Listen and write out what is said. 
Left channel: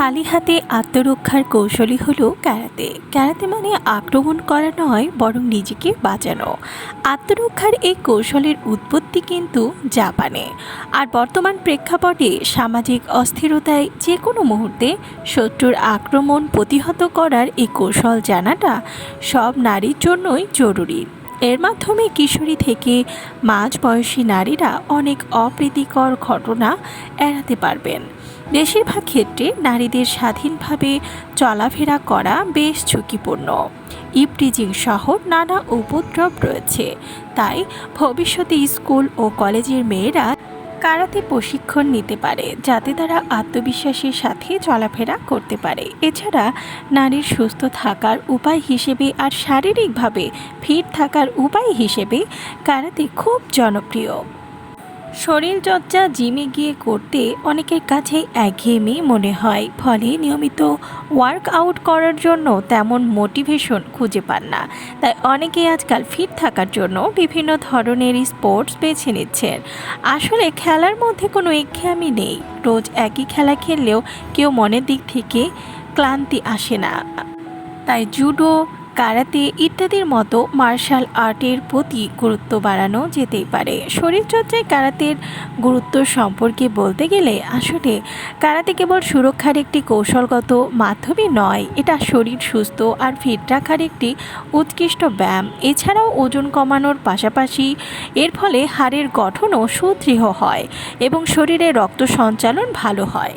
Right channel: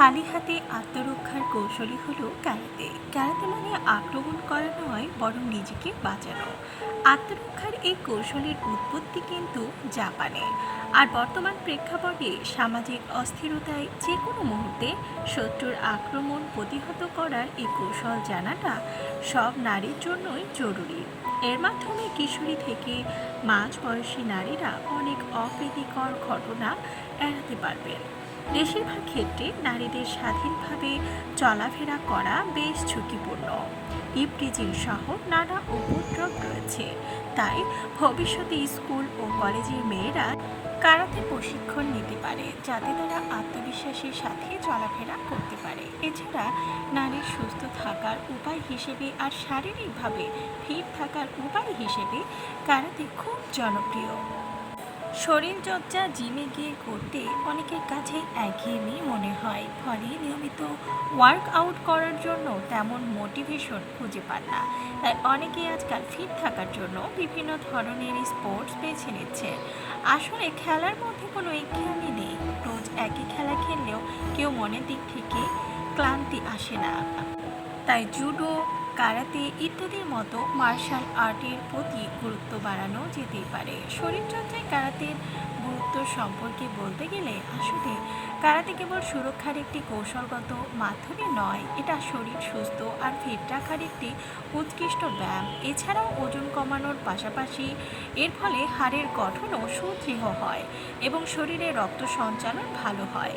খালি হাতে আত্মরক্ষার কৌশলই হলো ক্যারাতে। ক্যারাতে মানে আক্রমণ করা নয়, বরং নিজেকে বাঁচানো। আত্মরক্ষার এই কৌশলের উৎপত্তি কিন্তু জাপানে। আর বর্তমান প্রেক্ষাপটে সামাজিক অস্থিরতায় যে কোনো মুহূর্তে শত্রুর আক্রমণ প্রতিহত করার এই কৌশল জানাটা সব নারীর জন্যই জরুরি। এর মাধ্যমে কিশোরী থেকে মাঝ বয়সী নারীরা অনেক অপ্রীতিকর ঘটনা এড়াতে পারবেন। বেশিরভাগ ক্ষেত্রে নারীদের স্বাধীনভাবে চলাফেরা করা বেশ ঝুঁকিপূর্ণ। ইপটিজিং সহ নানা উপদ্রব রয়েছে। তাই ভবিষ্যতে স্কুল ও কলেজের মেয়েরা কারাতে প্রশিক্ষণ নিতে পারে, যাতে তারা আত্মবিশ্বাসের সাথে চলাফেরা করতে পারে। এছাড়া নারীর সুস্থ থাকার উপায় হিসেবে আর শারীরিকভাবে ফিট থাকার উপায় হিসেবে কারাতে খুব জনপ্রিয়। শরীরচর্চা জিমে গিয়ে করতে অনেকের কাছে একঘেয়েমি মনে হয়। ফলে নিয়মিত ওয়ার্ক আউট করার জন্য তেমন মোটিভেশন খুঁজে পান না। তাই অনেকেই আজকাল ফিট থাকার জন্য বিভিন্ন ধরনের স্পোর্টস বেছে নিচ্ছেন। আসলে খেলার মধ্যে কোনো একঘেয়েমি নেই। রোজ একই খেলা খেললেও কেউ মনের দিক থেকে ক্লান্তি আসে না। তাই জুডো কারাতে ইত্যাদির মতো মার্শাল আর্টের প্রতি গুরুত্ব বাড়ানো যেতেই পারে। শরীরচর্চায় কারাতের গুরুত্ব সম্পর্কে বলতে গেলে আসলে কারাতে কেবল সুরক্ষার একটি কৌশলগত মাধ্যমই নয়, এটা শরীর সুস্থ আর ফিট রাখার একটি উৎকৃষ্ট ব্যায়াম। এছাড়াও ওজন কমানোর পাশাপাশি এর ফলে হাড়ের গঠনও সুদৃঢ় হয় এবং শরীরে রক্ত সঞ্চালন ভালো হয়।